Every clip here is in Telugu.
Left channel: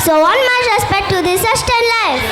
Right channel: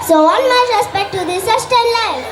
So all my respect to this sustained life.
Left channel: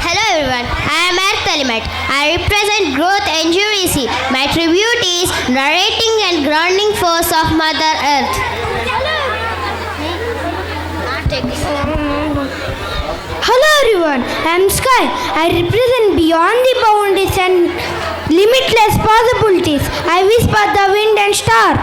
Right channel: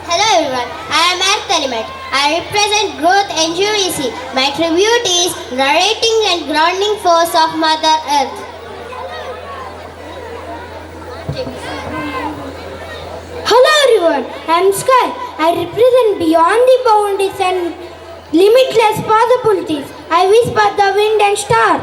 Hello everyone, I am Experiment. I represent Growth NGVC. My tribute is narrating and grounding force of Mother Earth. Hello everyone, I am Sky. I represent Beyond the Boundaries and Limitless Possibilities. I whisper the wind and star.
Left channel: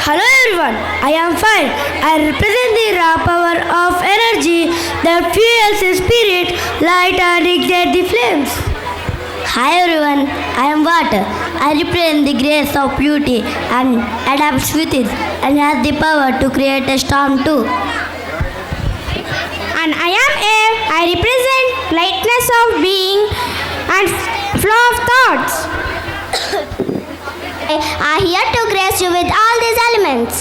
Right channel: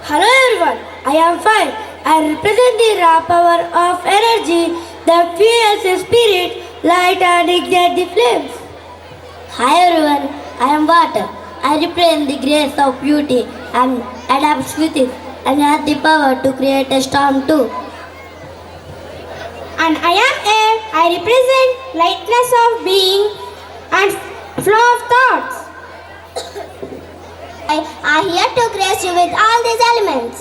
Hello everyone, I am Fire. I represent the raw power of energy that fuels the spirit, light and ignite the flames. Hi everyone, I am Water. I represent the grace of beauty and adapts with it and has the power to create a storm too. And I am Air. I represent lightness of being and flow of thoughts. I am here to grace you with all these elements.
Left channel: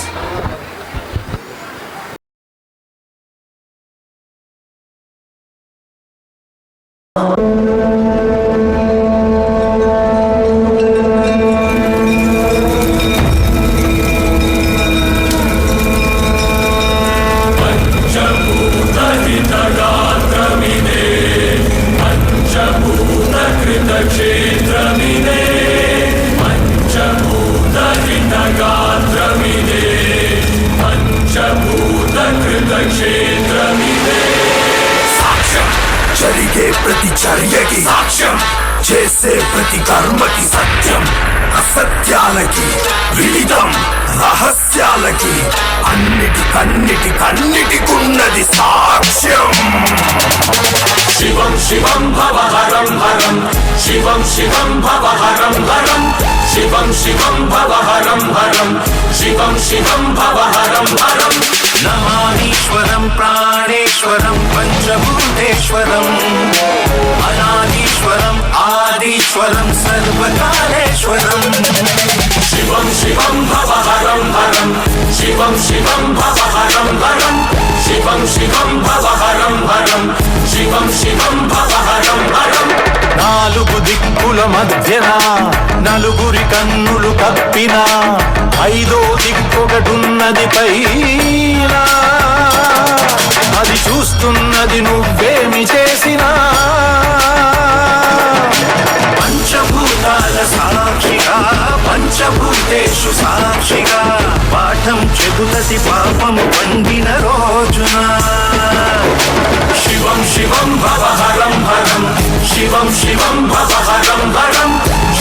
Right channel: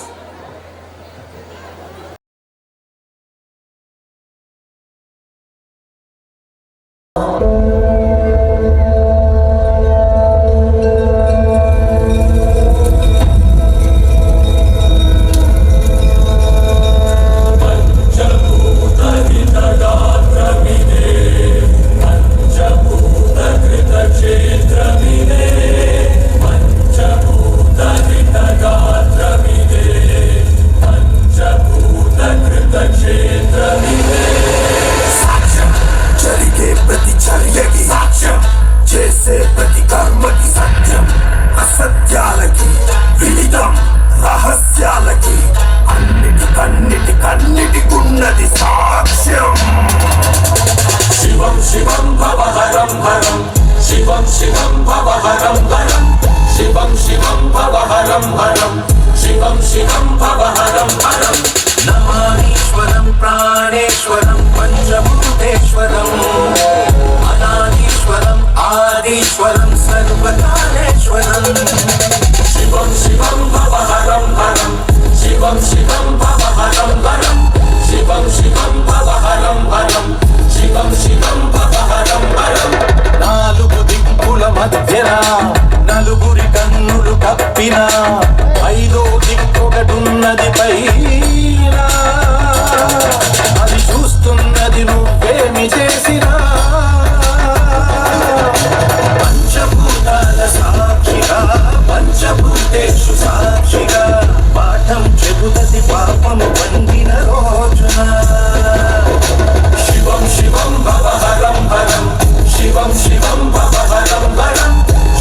ప్రతి చర్యకి సాక్ష్యం చేసే ప్రతి కర్మకి సత్యం అసత్యాలకి విలితం రహస్యాలకి అన్నిటికున్నది సాక్ష్యం శివం శివం భవహరం హరం శివం శివం భవహరం హరం శివం శివం భవహరం హరం శివం శివం భవహరం హరం నమానీశ్వరం ప్రాణేశ్వరం పంచభూతేశ్వరం అనాదీశ్వరం ఆదీశ్వరం సర్వకాలేశ్వరం శివం శివం భవహరం హరం శివం శివం భవహరం హరం శివం శివం భవహరం హరం శివం శివం భవహరం హరం నాలుగు దిక్కుల మధ్యన నలుగురి కన్నులు కప్పిన ఐదో దిక్కొకటున్నది పైన అది చూస్తున్నది నువ్వేమి చేసినా పంచభూతాల సాక్షిగా పంచభూతేషు సాక్షిగా పాఠం చెబుతది పాపం పండిన రోజున శివం శివం భవహరం హరం శివం శివం భవహరం హరం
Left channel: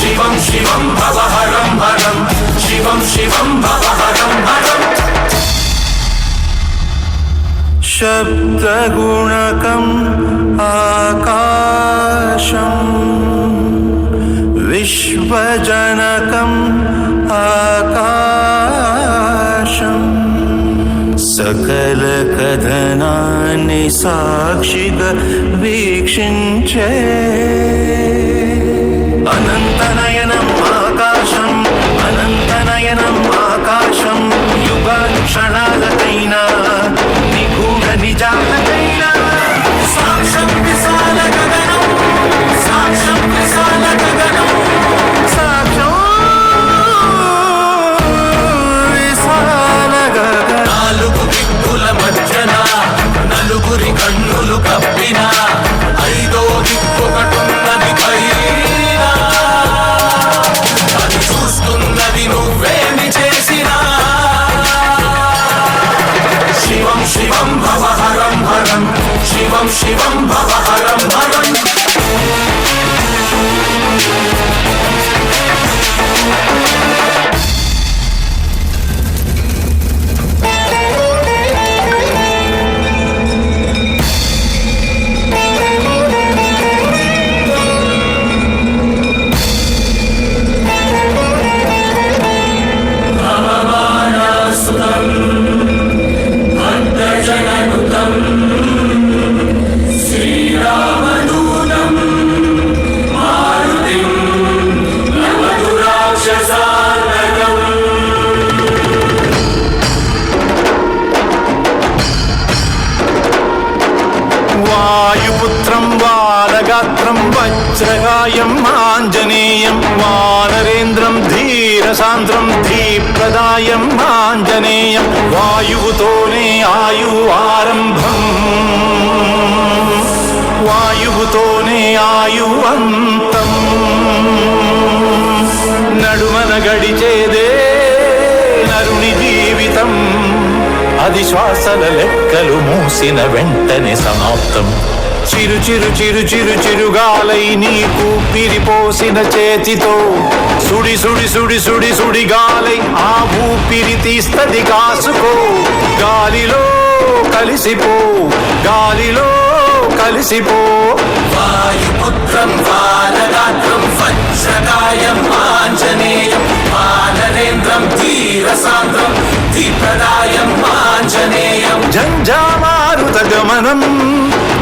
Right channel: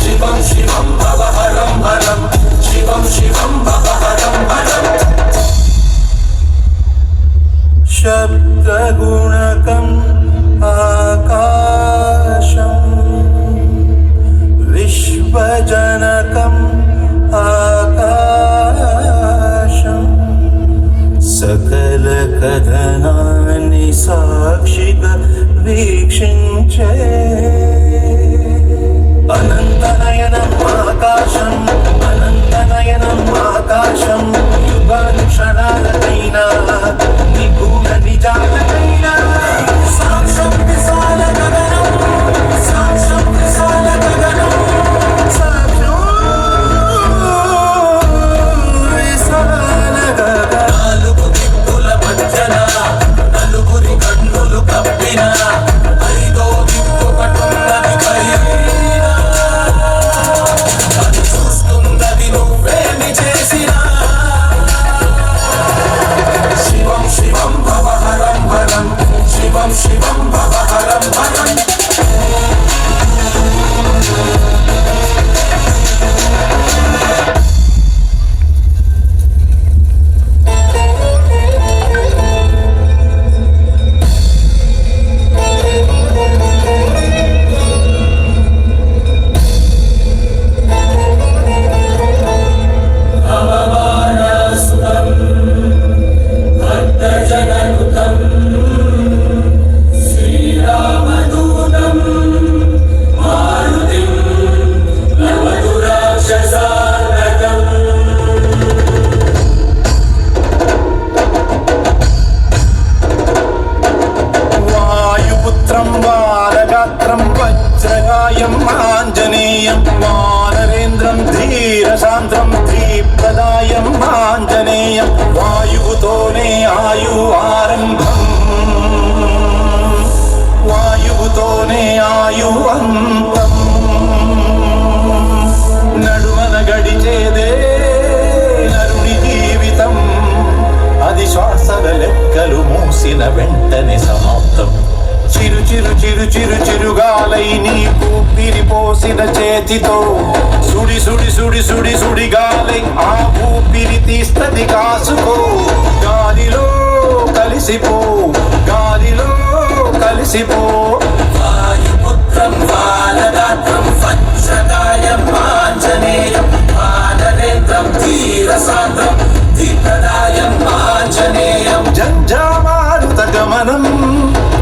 శివం శివం భవహరం హరం శివం శివం భవహరం హరం శబ్దగుణకం ఆకాశం విశ్వజనకం ఆకాశం సకల కథనాన్ని సాక్షిగా వీక్షించే అంతం నడుమన గడిచేదే నరుని జీవితం అది శ్వాసల లెక్కలు మూసిన వెంటనే సమాప్తం చిరు చిరు చిరు చిరు చిరుగాలై నీకు పిరిపోసిన చేతితో సుడి సుడి సుడి సుడి సుడి గాలై ఆ ఊపిరి తీస్తది కాసుకో గాలిలో కలిసిపో గాలిలో కలిసిపో వాయుపుత్రం బాలగాత్రం వజ్రకాయం ఆంజనేయం వానరేంద్రం ధీరసాంద్రం దీప్రదాయం ఆంజనేయం జంజామారుత గమనం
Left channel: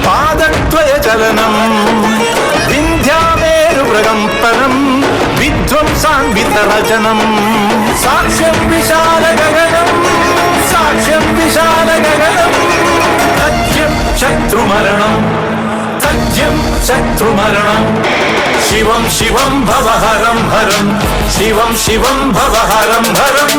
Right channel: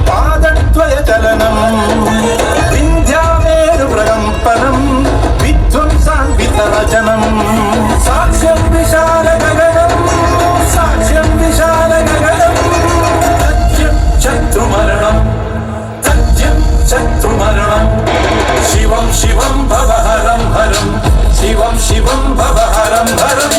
పాదద్వయ చలనం వింధ్యావేరు ప్రకంపనం విధ్వంసాన్వితరచనం సాక్ష్యం విశాల గగనం సాక్ష్యం విశాల గగనం తథ్యం శత్రుమరణం తథ్యం శత్రుమరణం శివం శివం భవహరం హరం శివం శివం భవహరం హరం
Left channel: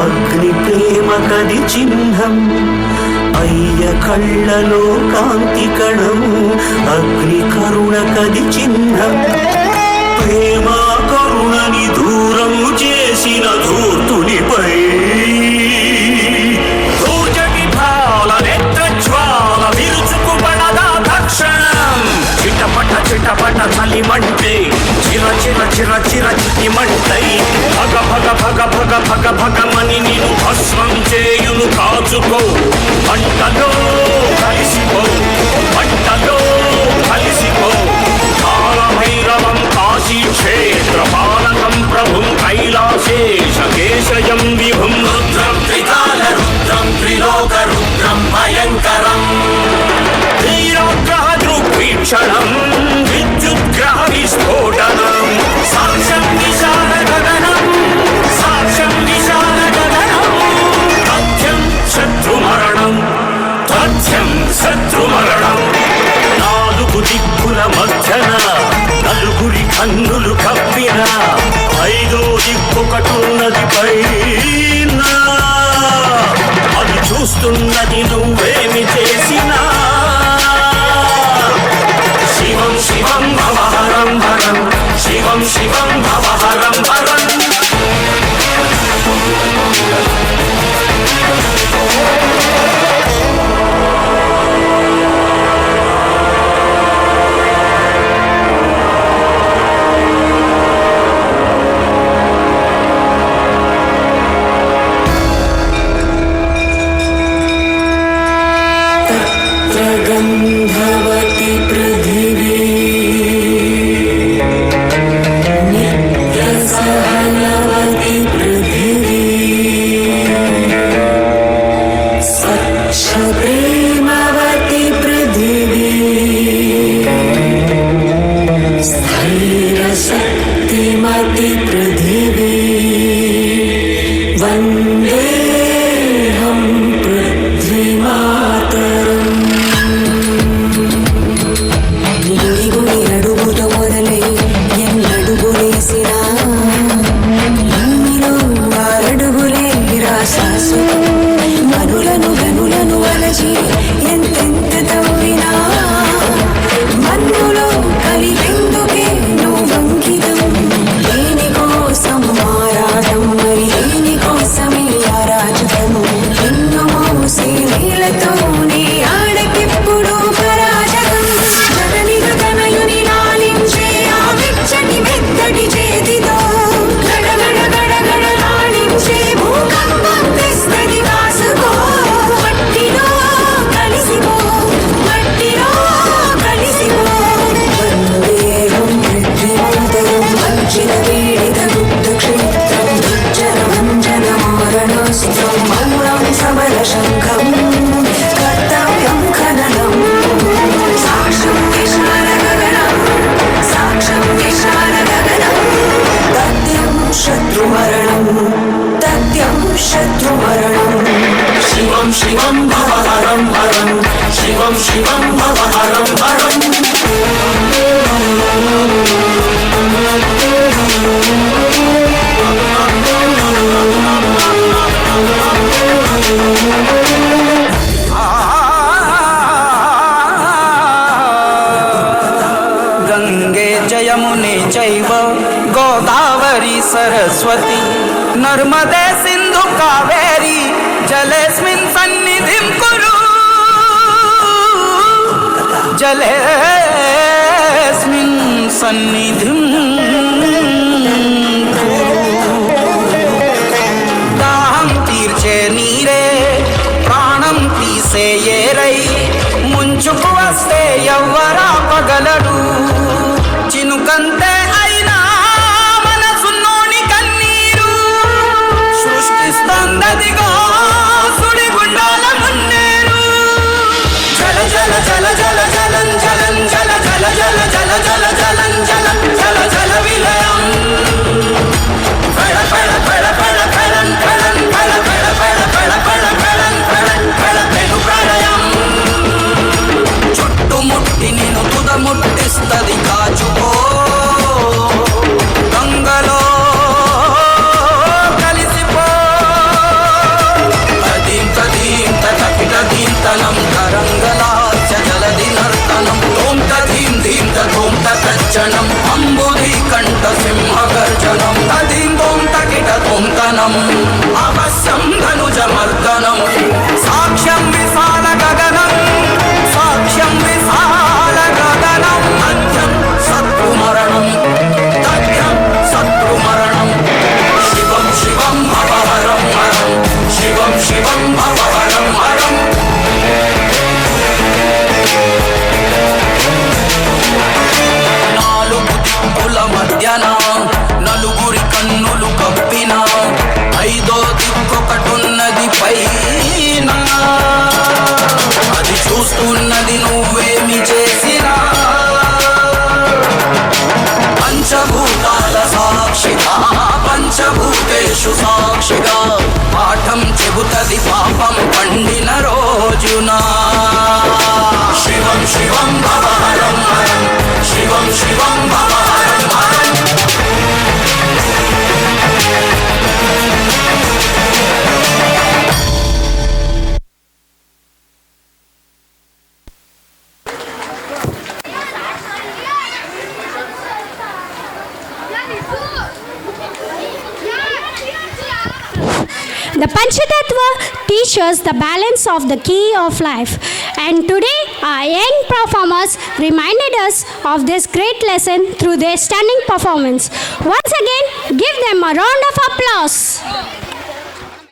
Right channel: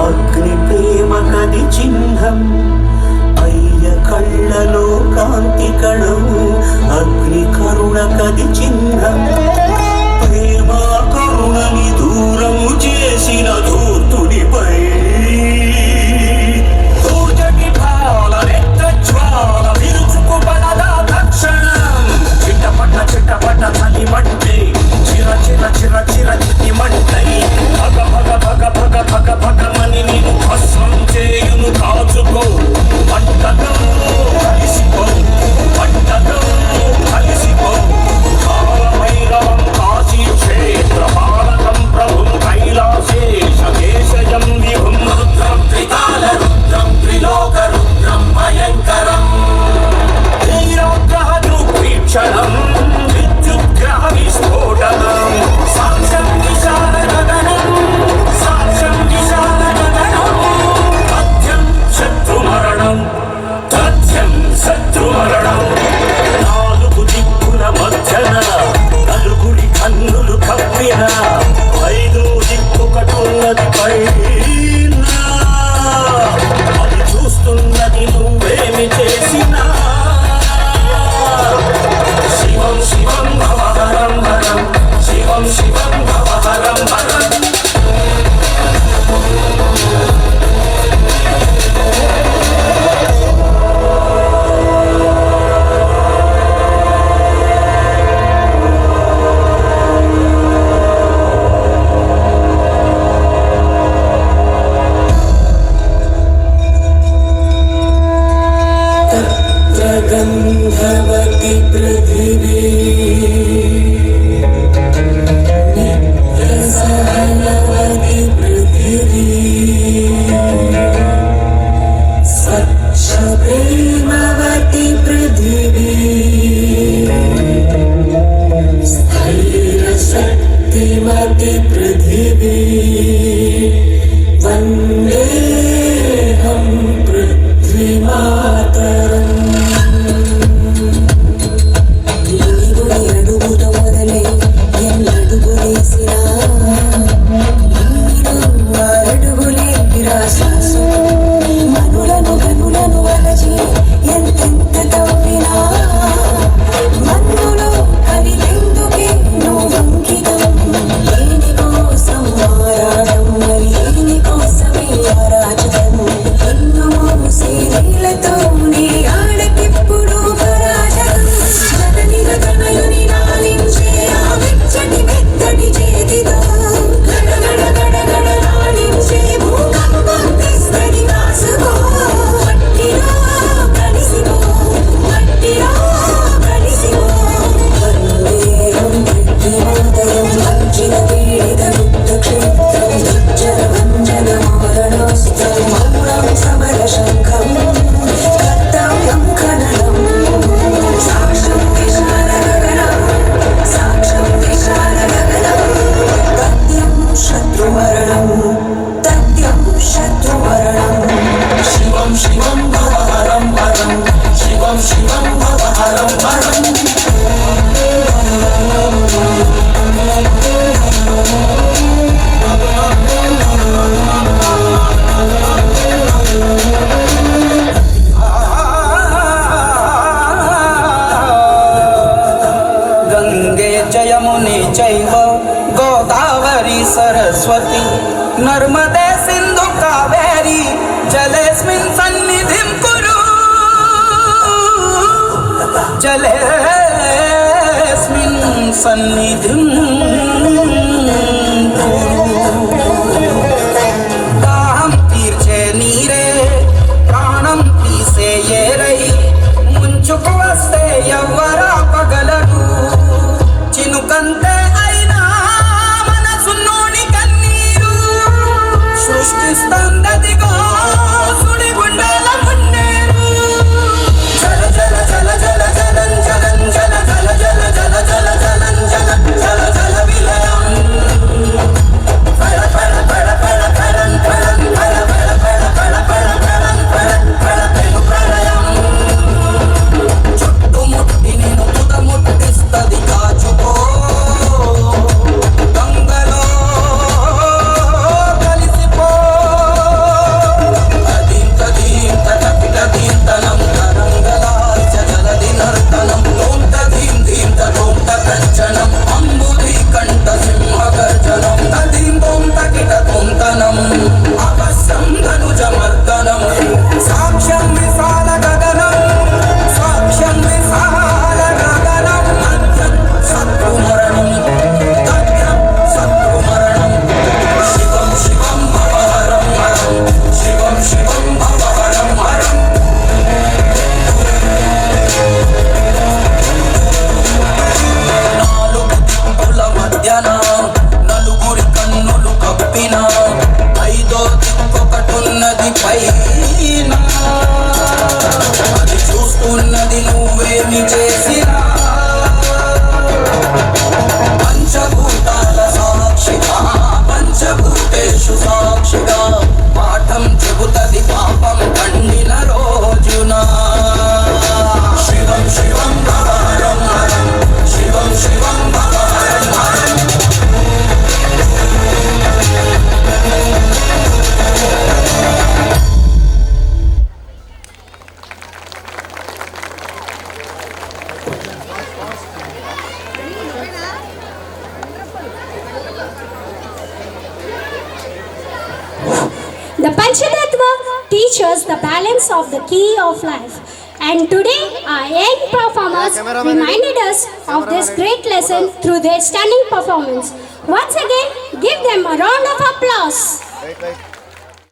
అగ్ని ప్రేమ కది చిహ్నం అయ్య కళ్ళలో కాంతి కణం అగ్ని కరుణ కది చిహ్నం ప్రేమ కరుణని దూరము చేసిన ధూతునిపై చిటపట చలిమంటే చిర చిర చిర చిర చిమంటై భగ భగ భగ భగ భగ భగమని నీవు భస్మం చేయును కాచుకో పంటలో కలిసిపో పంటలో కలిసిపో కాలభైరవం కాశీ క్షేత్ర పాలకం ప్రభుం కైలాసేశ కేశయం విభుం రుద్రం త్రికాల రుద్రం త్రిలోక రుద్రం భయంకరం శ్రీరాగ్రహ దృగ్వీక్షణం విద్యుద్గ్రహ విస్ఫోటనం సాక్ష్యం విశాల గగనం సాక్ష్యం విశాల గగనం తథ్యం శత్రుమరణం తథ్యం శత్రుమరణం నాలుగు దిక్కుల మధ్యన నలుగురి కన్నులు కప్పిన ఐదో దిక్కుకటున్నది పైన అది చూస్తున్నది నువ్వేమి చేసినా శివం శివం భవహరం హరం శివం శివం భవహరం హరం గంధవతి పృథివీ నిత్యసహనవతి పృథివీ స్వచ్ఛప్రేమవతి పృథివీ స్థైర్యశక్తిమతి పృథివీ వందేహం పృథ్వీమాతరం शिवं भवहरं हरम् गंगे जयमुने चैव गोदावरी सरस्वती नर्मदे सिंधु कावेरी जलेस्मिन् सन्निधिं कुरु जलेस्मिन् सन्निधिं दाहं तीर्चे नीरे प्राणं तीसे येरै ముంచుకు వస్తే ఎవ్వరా పగలరు చినుకంతే అయినా మనసులోని కన్నీరు సృష్టిస్తుందదిగో సుడిగుండాల మున్నేరు జల జల జల జల జలం జలం జల జల జల జల జల జలం జలం జల జల విలయం పడ పడ పడ పడ పడం పడం పడ పడ పడ పడ పడ పడం పడం పడ పెను ప్రళయం చుట్టుముట్టి నేను తుదముట్టిస్తది కాచుకో గంగలో కలిసిపో అదీంత దీంత కపిట దీంతనం తరంగలాచ జలది నర్తనం తోంత దీం దీంత తోంత కచ్చనం అంబుధి కంఠ సింహ గర్జనం అదీం తోంత కిట తోంతనం అవశ్యం ధనుజమర్దనం సాక్ష్యం విశాల గగనం సాక్ష్యం విశాల గగనం మధ్యం శత్రుమరణం దగ్ధం శత్రుమరణం శివం శివం భవహరం హరం శివం శివం భవహరం హరం నాలుగు దిక్కుల మధ్యన నలుగురి కన్నులు కప్పిన ఐదో దిక్కొకటున్నది పైన అది చూస్తున్నది నువ్వేమి చేసినా పంచభూతాల సాక్షిగా పంచభూతేషు సాక్షిగా పాఠం చెబుతది పాపం పండిన రోజున శివం శివం భవహరం హరం శివం శివం భవహరం హరం The Panchatattva teaches the balance of the key of life. And today, our young performers reminded us of this great lesson through their stunning performance. Once again, give them a round of applause.